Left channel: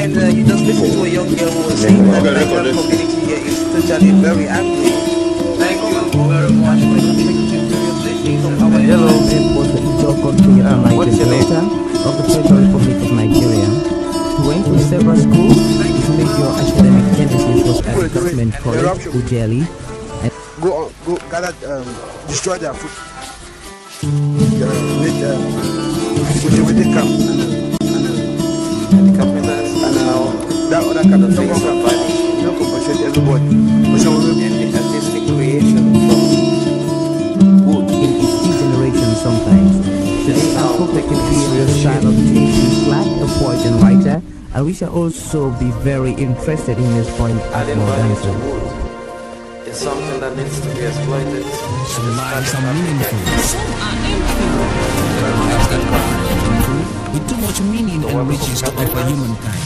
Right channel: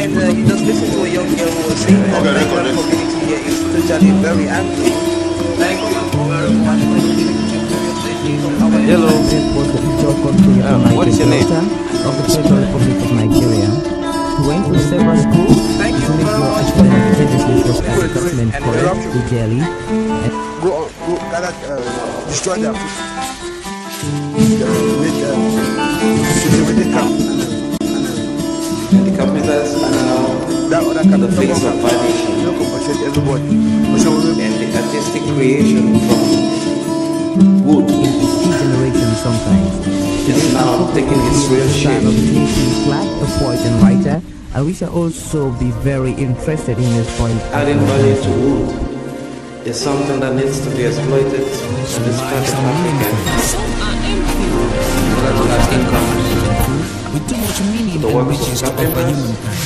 And you just listen to a young girl who was saying that the Nigerian community here is totally very angry. Thank you very much for our journalist was the Ijo country of the Niger Delta of the Federal Republic of Nigeria. He went to several schools. His major academic genesis was at Government College in Delhi. Go gather, destroy their food. Make with camp and that other camp, no compensate everybody. Sometimes. Today our focus will be in the style of J.P. Clark, a poet and writer, and we shall also be very interested in his point at more dancing. Some lives are meaningful, some are empty. There are lives that are meaningful, with too much meaning and riches to offer humankind.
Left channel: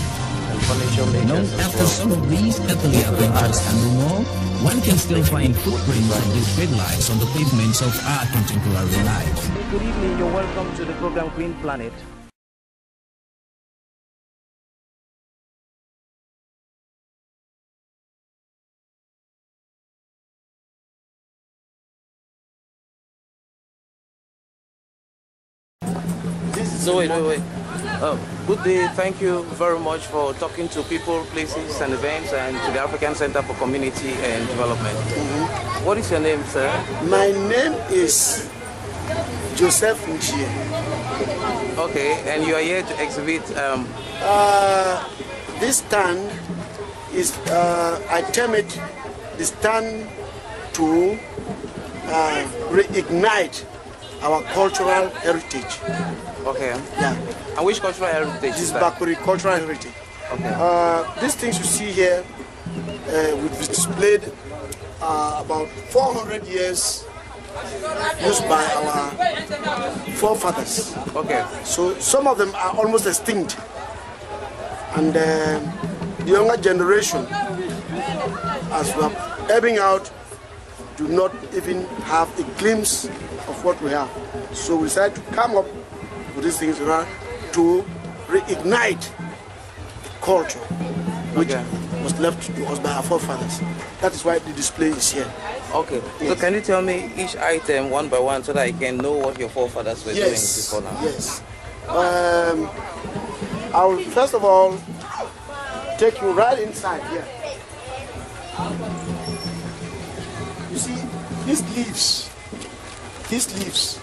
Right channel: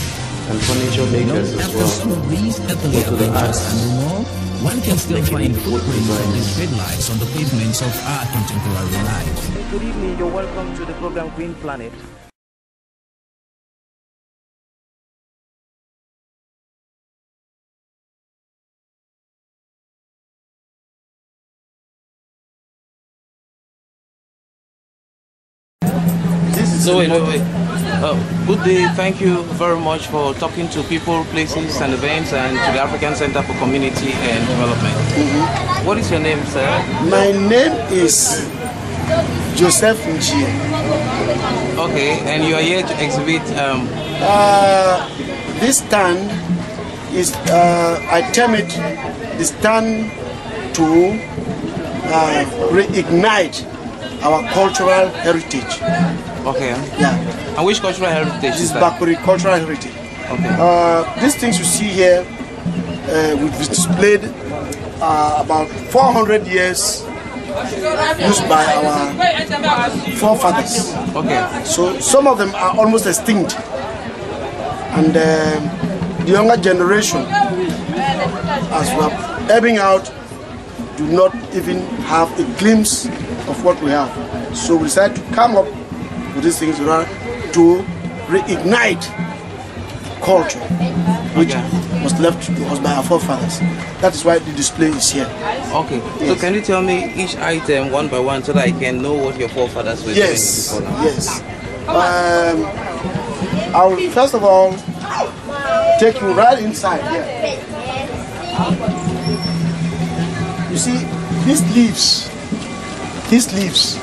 After some of these earthly adventures and more, one can still find footprints of these great lives on the pavements of our contemporary life. Good evening, you're welcome to the program Green Planet. This is good day. Thank you very much for talking to people, places, and events, and the African Center for Community and Development. What is your name, sir? My name is Joseph Njie. Okay, and you are here to exhibit. This stand is, I term it, the stand to reignite our cultural heritage. Okay. Yeah. And which cultural heritage? This is Bakweri cultural heritage. Okay. These things you see here, we've displayed about 400 years used by our forefathers. Okay. So some of them are almost extinct, and the younger generation, as we are ebbing out, do not even have a glimpse of what we have. So we decided to come up with these things in order to reignite the culture which was left to us by our forefathers. That is why the display is here. Okay. Yes. So can you tell me each item one by one so that I can know what your forefathers were Yes, yes. I will first of all take you right inside here. You see, these leaves,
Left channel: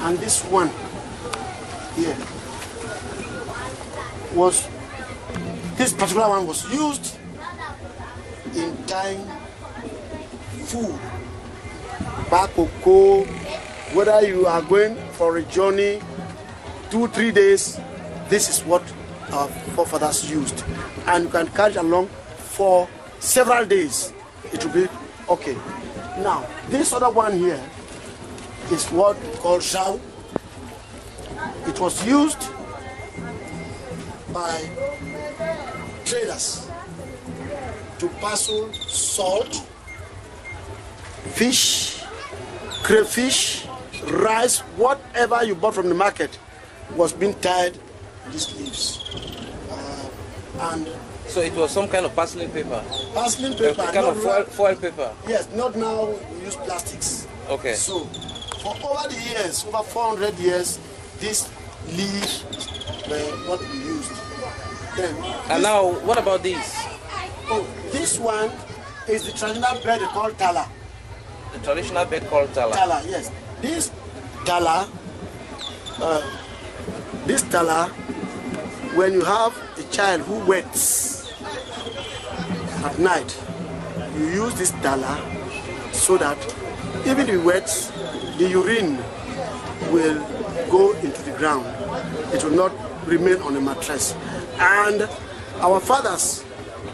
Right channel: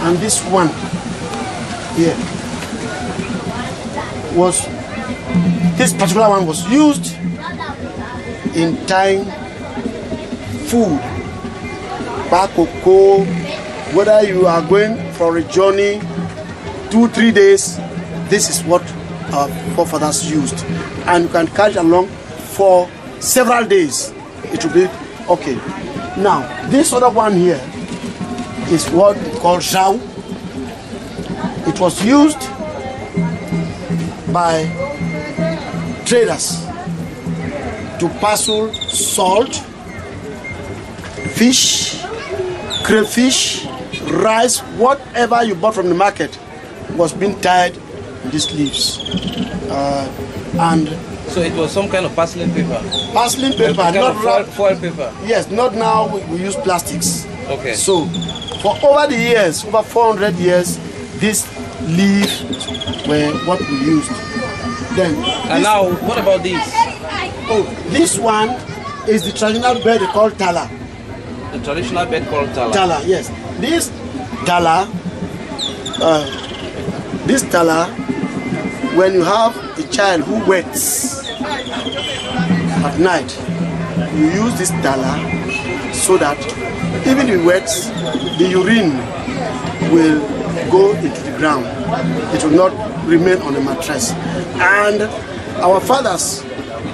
and this one here was, this particular one was used in tying food, cocoa, whether you are going for a journey 2-3 days, this is what our forefathers used, and you can carry it along for several days. It will be okay. Now this other one here is what we call zhao. It was used by traders to parcel salt, fish, crayfish, rice, whatever you bought from the market was being tied in these leaves. And So it was some kind of parceling paper? Parceling paper, not wrap. Foil paper? Yes, not now we use plastics. Okay. So for over the years, over 400 years, these leaves were what we used. Then and now, what about this? Oh, this one is the traditional bed called tala. The traditional bed called tala? Tala, yes. This tala, when you have a child who wets at night, you use this tala so that even if it wets, the urine will go into the ground. It will not remain on a mattress. And our fathers,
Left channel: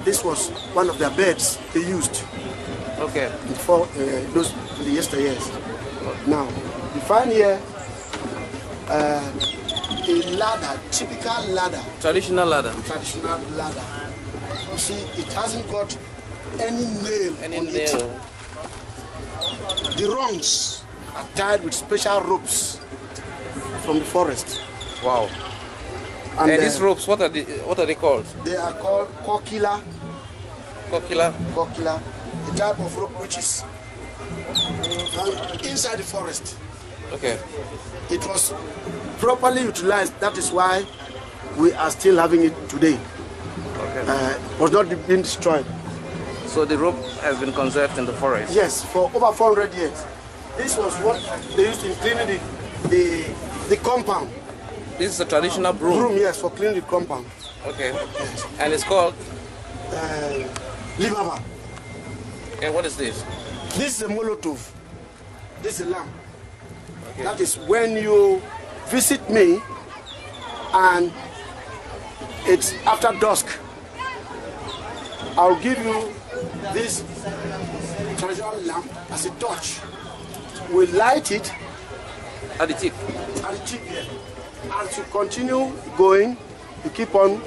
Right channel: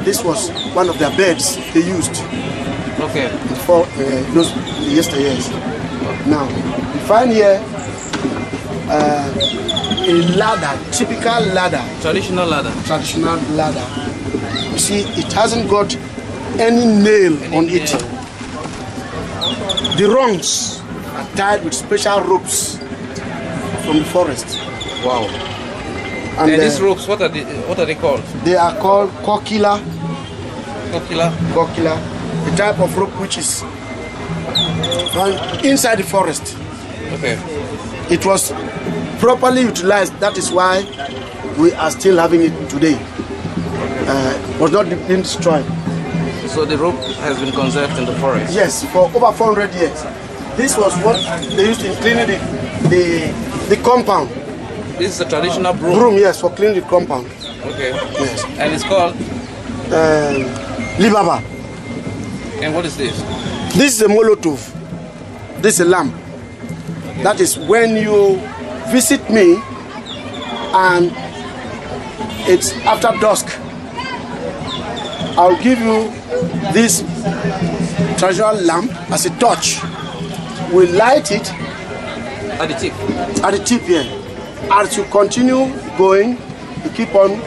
this was one of their beds they used for those yesteryears. Now, you find here a ladder, typical ladder. Traditional ladder. Traditional ladder. You see, it hasn't got any nail on it. The rungs are tied with special ropes from the forest. Wow. And these ropes, what are they called? They are called kokila. Kokila, a type of rope which is found inside the forest. Okay. It was properly utilized. That is why we are still having it today. It was not been destroyed. So the rope has been conserved in the forest? Yes, for over 400 years. This was what they used in cleaning the compound. This is a traditional broom? Broom, yes, for cleaning the compound. Okay. Yes. And it's called? Libaba. And what is this? This is a molotov. This is a lamp. That is when you visit me and it's after dusk, I'll give you this traditional lamp as a torch. We light it At the tip? at the tip here. As you continue going, you keep on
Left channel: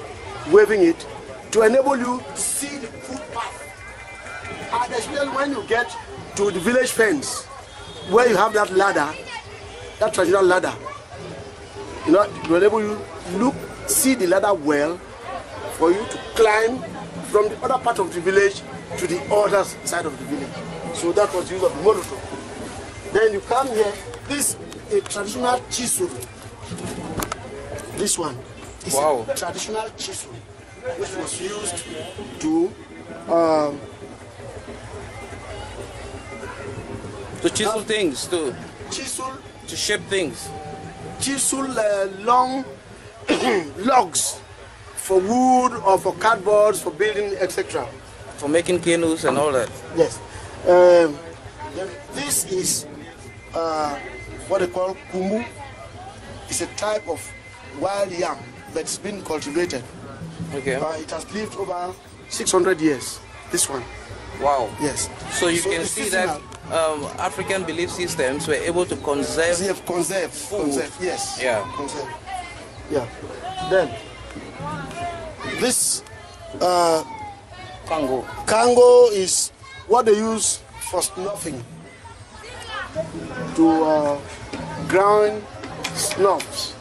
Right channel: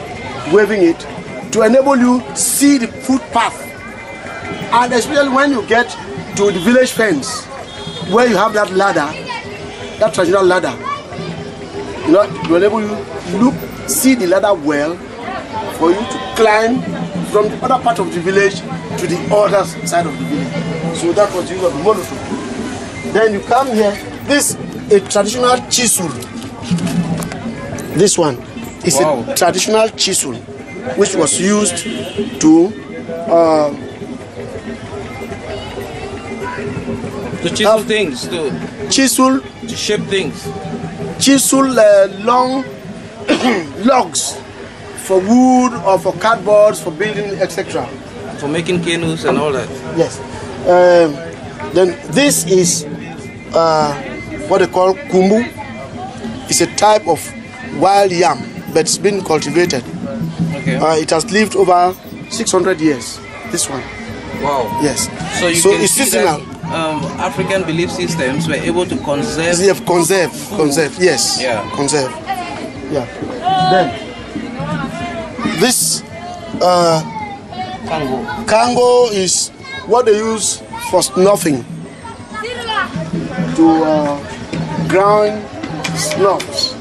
waving it to enable you to see the footpath. And especially when you get to the village fence, where you have that ladder, that traditional ladder, you know, to enable you to see the ladder well, for you to climb from the other part of the village to the other side of the village. So that was the use of the molotov. Then you come here. This is a traditional chisel. This one is a traditional chisel, which was used to chisel things, to shape things. Chisel long logs for wood or for cardboards, for building, etc. For making canoes and all that. Yes. Then this is what they call kumbu. It's a type of wild yam that's been cultivated. Okay. It has lived over 600 years. This one. Wow. Yes. So it's seasonal. African belief systems were able to conserve. Conserve. Yes. Yeah. Conserve. Yeah. Then this kango is what they use for snuffing, to ground snuffs.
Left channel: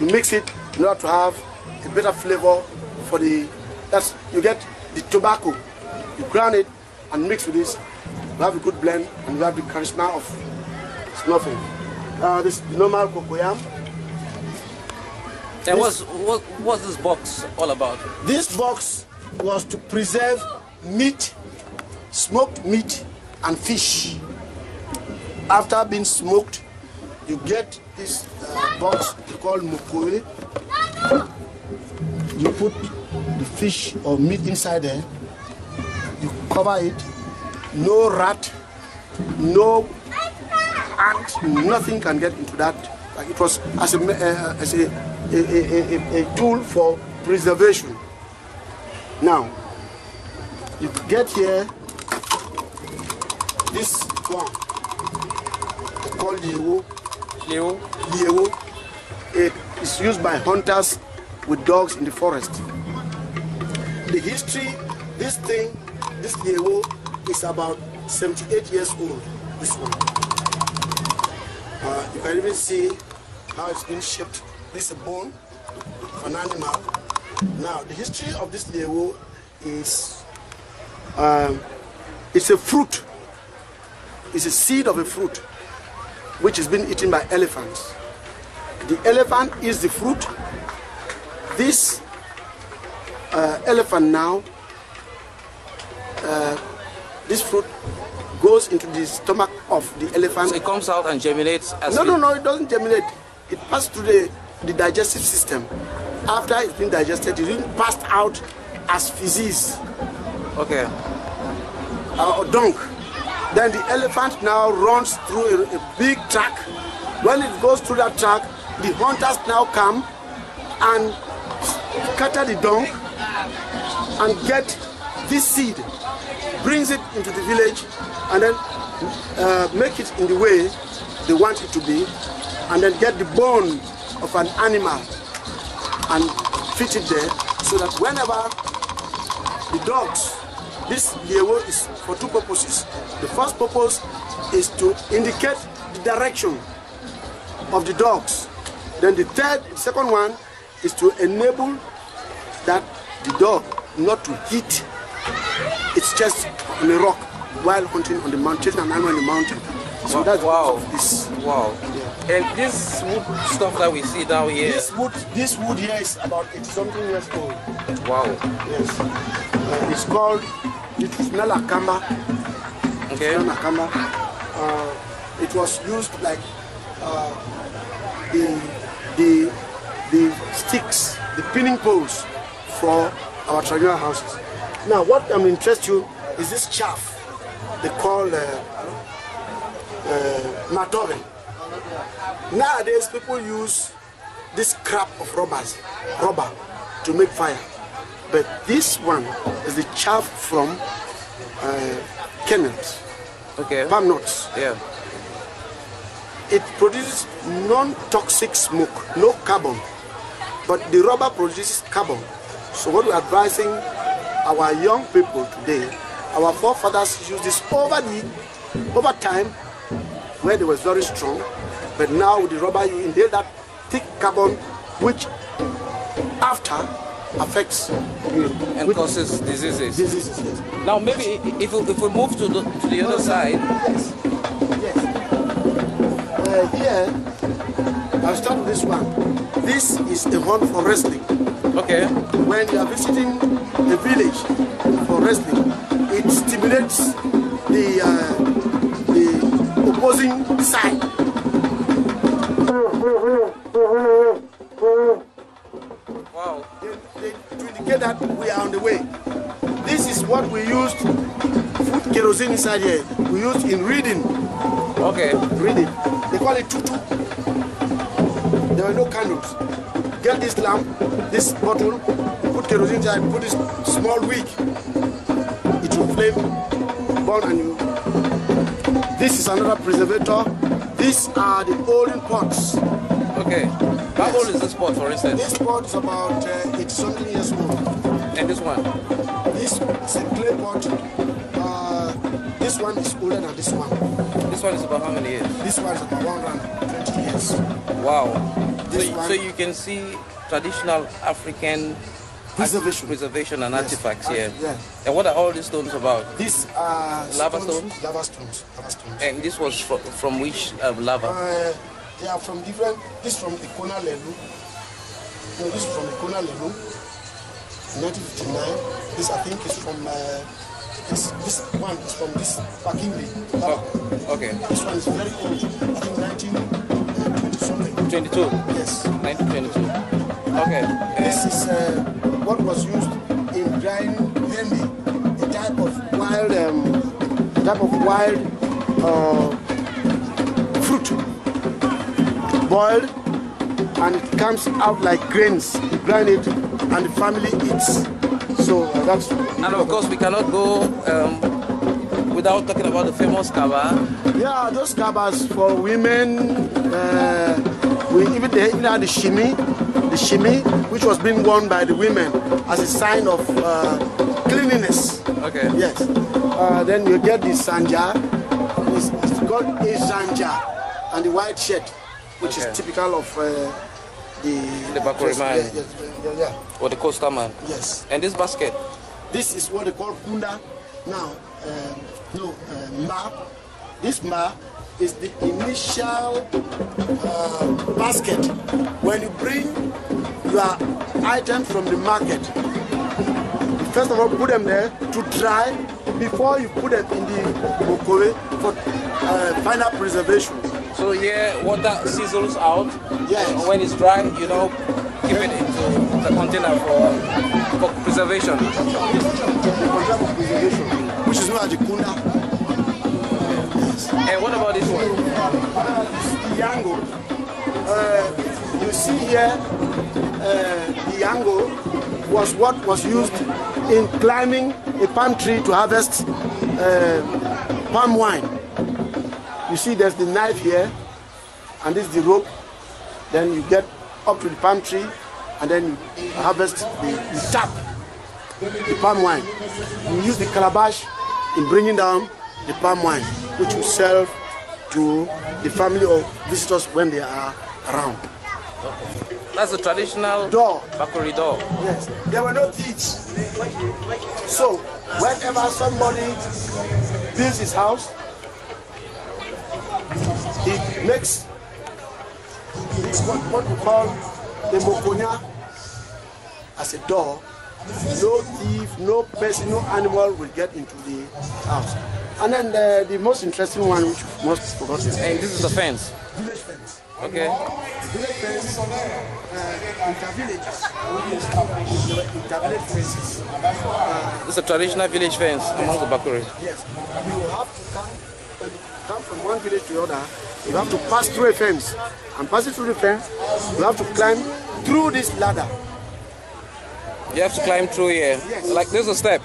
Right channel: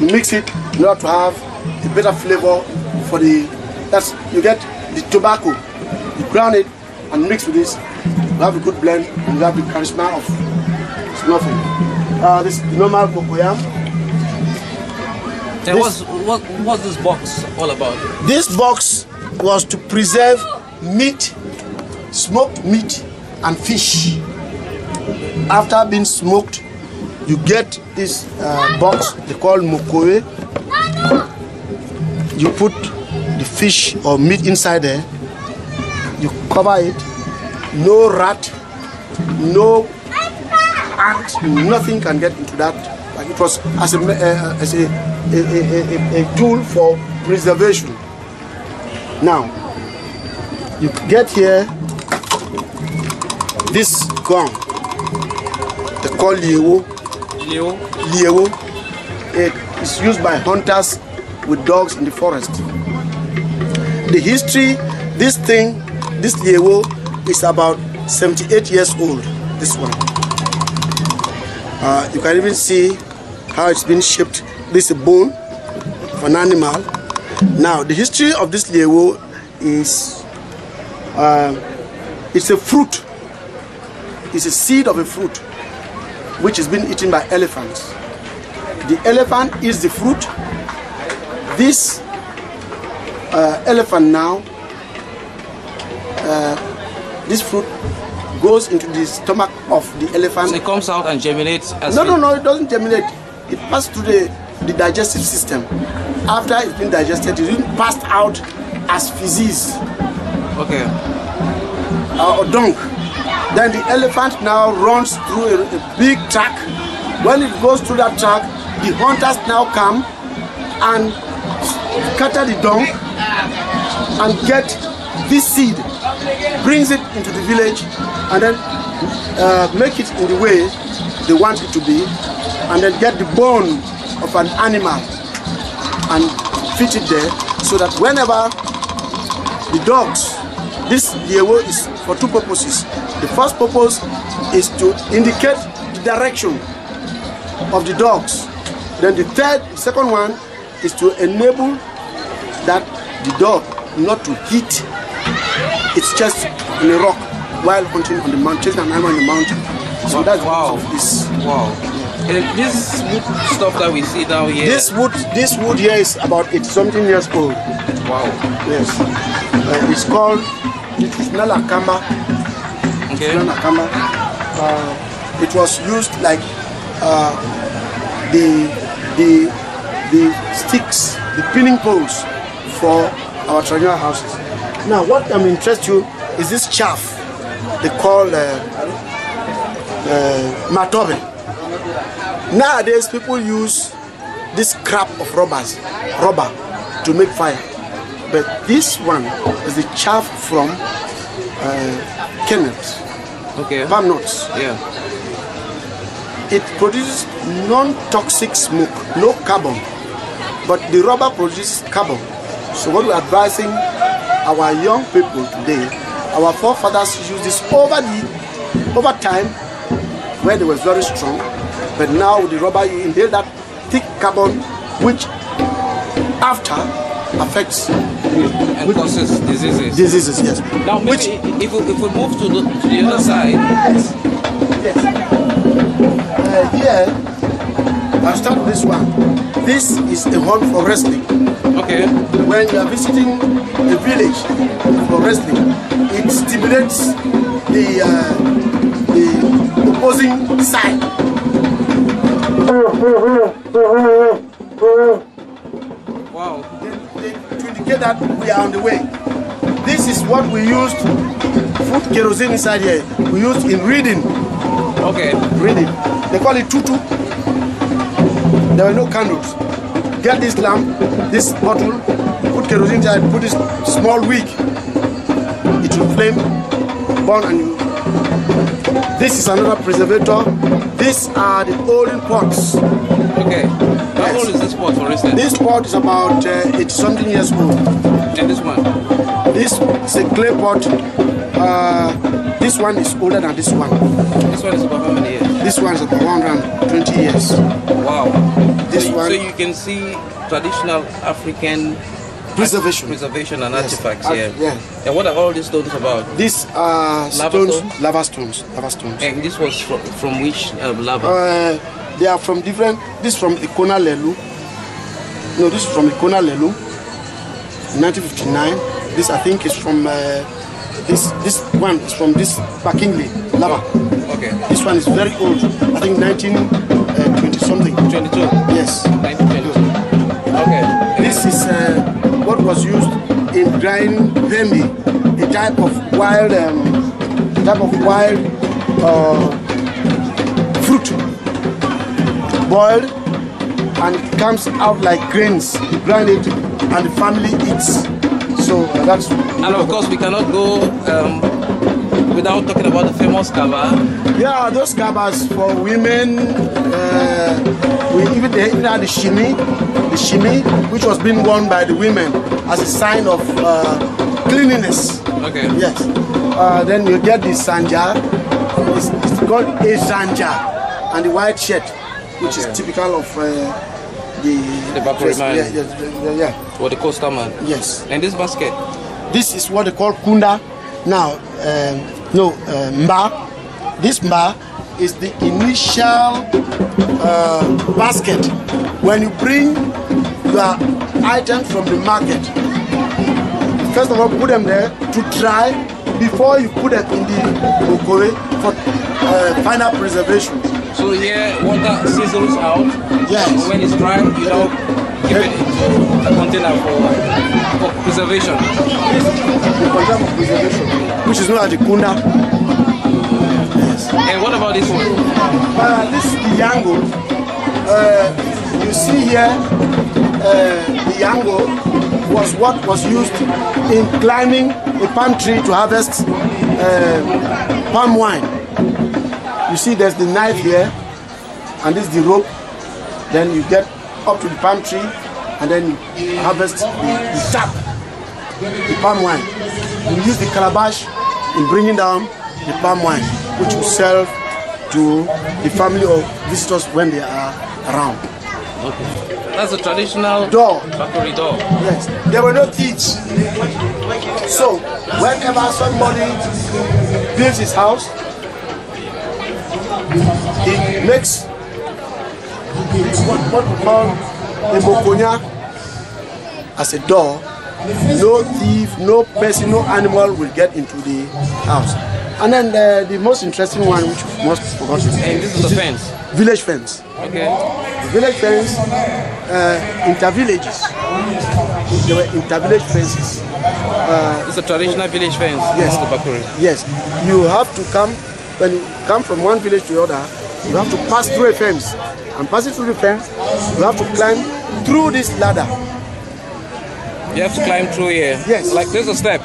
You mix it in order to have a better flavor for the. You get the tobacco. You ground it and mix with this. You have a good blend and you have the charisma of snuffing. This is the normal cocoyam. What's this box all about? This box was to preserve meat, smoked meat and fish. After being smoked, you get this box they call mokowe. You put the fish or meat inside there. You cover it. No rat, no ant, nothing can get into that. Like it was as a tool for preservation. Now, you get here this gun. They call liewo. It is used by hunters with dogs in the forest. The history, this liewo is about 78 years old. This one. You can even see how it's been shaped. This is a bone of an animal. Now, the history of this liewo is it's a fruit. It's a seed of a fruit which has been eaten by elephants. The elephant eats the fruit. This elephant now, this fruit goes into the stomach of the elephant. So it comes out and germinates? No, it doesn't germinate. It passes through the digestive system. After it's been digested, it's been passed out as feces. Okay. Or dung. Then the elephant now runs through a big track. When it goes through that track, the hunters now come and scatter the dung and get this seed, brings it into the village, and then make it in the way they want it to be, and then get the bone of an animal and fit it there, so that whenever the dogs, this liewo is for two purposes. The first purpose is to indicate the direction of the dogs. Then the second one is to enable that the dog not to hit its chest on a rock while hunting on the mountain, chasing an animal in the mountain. So that's the purpose of this. And this stuff that we see down here. This wood here is about 80-something years old. Yes. It's called Traditional Akamba. It was used like the sticks, the pinning poles for our traditional houses. Now, what I'm interested in is this chaff they call matobe. Nowadays, people use this scrap of rubber to make fire. But this one is the chaff from kernels, palm nuts. Yeah. It produces non-toxic smoke, no carbon, but the rubber produces carbon. So what we're advising our young people today, our forefathers used this over time where they was very strong, but now with the rubber you inhale that thick carbon which after affects diseases, yes. Now, Which if we move to the other side. Yes. Here, I'll start with this one. This is a horn for wrestling. Okay. When you are visiting a village for wrestling, it stimulates the opposing side. Wow. To indicate that we are on the way. This is what we used, food kerosene inside here, we used in reading. Okay. Reading. They call it tutu. There were no candles. Get this lamp, this bottle, put kerosene inside, put this small wick. It will flame, burn, and you. This is another preservator. These are the olden pots. Okay. How old is this pot, for instance? This pot is about 80-something years old. And this one? This is a clay pot. This one is older than this one. This one is about how many years? This one is about 120 years. Wow. This So one. you can see traditional African Preservation and artifacts here. Yeah. And what are all these stones about? These are stones, lava stones. And this was from which lava? They are from different. This from Ikona Lelu. No, this is from Ikona Lelu, 1959. This I think is from this one is from this Bakingli lava. Okay. This one is very old. I think 1920 something. 22. Yes. Okay. This is what was used in drying pendi, a type of wild fruit. Boiled, and it comes out like grains. You grind it, and the family eats. So that's. And of course, we cannot go without talking about the famous kaba. Yeah, those kabas for women. They even had the shimi, which was being worn by the women as a sign of cleanliness. Okay. Yes. Then you get the sanja. It's called a sanja, and the white shirt, which is typical of the dress. Yeah. Or the coastal man. Yes. And this basket? This is what they call kunda. Now, mba. This mba is the initial basket. When you bring your items from the market, first of all, put them there to dry before you put them in the bokowe for final preservation. So here, water sizzles out. Yes. When it's dry, you don't keep it in a container for preservation. This is the container of preservation, which is known as the kunda. Yes. And what about this one? This is the yango. You see here, the yango was what was used in climbing a palm tree to harvest palm wine. You see there's the knife here, and this is the rope. Then you get up to the palm tree, and then you harvest the sap, the palm wine. You use the calabash in bringing down the palm wine, which you sell to the family or visitors when they are around. That's a Traditional door. Yes, there were no thieves. So whenever somebody builds his house, he makes what we call a mokonya as a door. No thief, no person, no animal will get into the house. And then the most interesting one, which we must forgotten, is the village fence. Village fence, inter-villages. There were inter-village fences. it's a traditional village fence. Yes, yes. You have to come, when you come from one village to the other, you have to pass through a fence. And passing through the fence, you have to climb through this ladder. You have to climb through here. Yes. Like this is a step.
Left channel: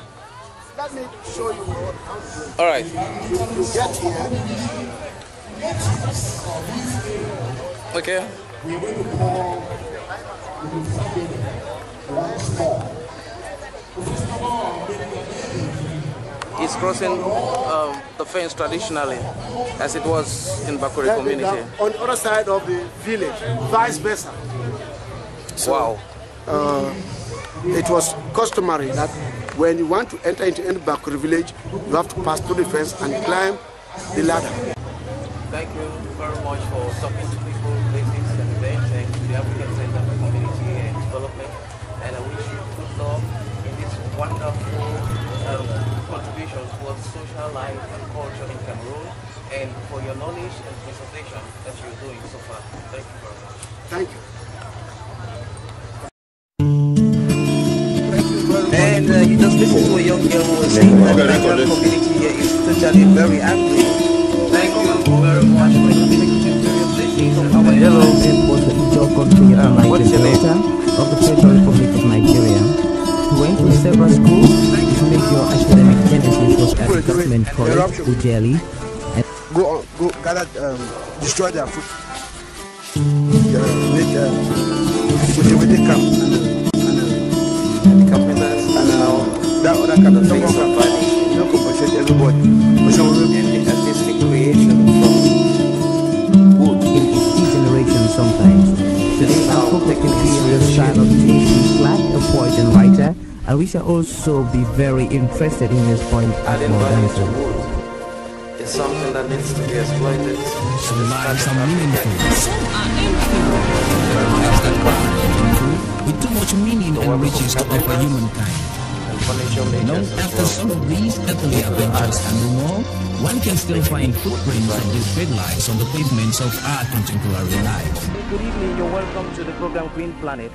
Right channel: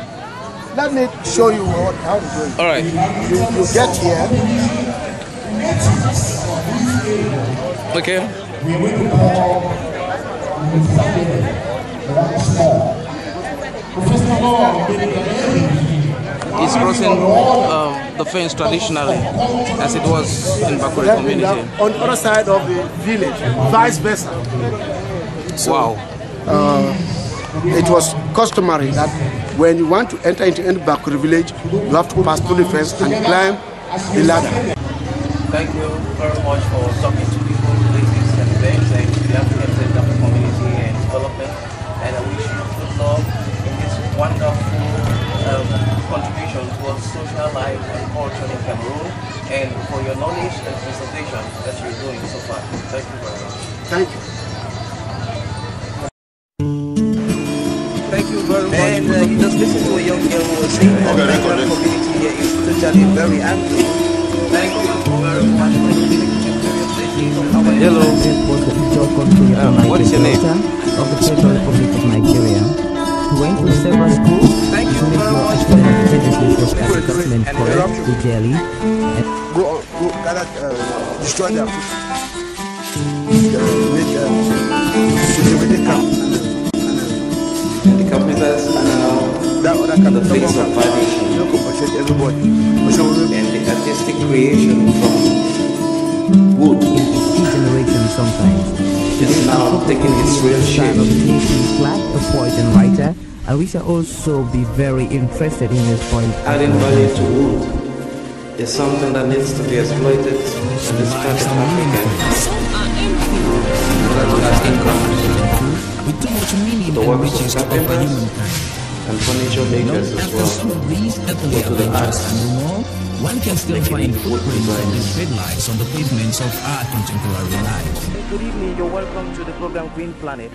Let me show you how to do it. All right. You get here. Okay. We are going to call First of all, The fence traditional as it was. On the other side of the village, vice versa. So it was customary that when you want to enter into any Bakweri village, you have to pass through the fence and climb the ladder. Thank you very much for talking to people, places and events and to the African Center for Community and Development. And I wish you good luck in this wonderful contribution towards social life and culture in Cameroon, and for your knowledge and presentation that you're doing so far. Thank you very much. Thank you. Thank you very much. And you just listen to a young girl who was saying that the community here is totally very angry. Thank you very much for your blessings of our government. It was the Ijo country of the Niger Delta of the Federal Republic of Nigeria. He went to several schools to make your academic genesis was at the government college to Delhi. And Go gather, destroy their food. Make cultivated camp and that other camp, Tongo camp, no compensate everybody. in each generation sometimes. Today our focus will be on the style of J.C. Clark, a poet and writer, and we shall also be very interested in his point at more dancing. Some lives are meaningful, some are empty. There are lives that are meaningful, with too much meaning and riches to offer humankind. After some of these earthly adventures and more, one can still find footprints of these great lives on the pavements of our contemporary lives. Good evening, you're welcome to the program Green Planet.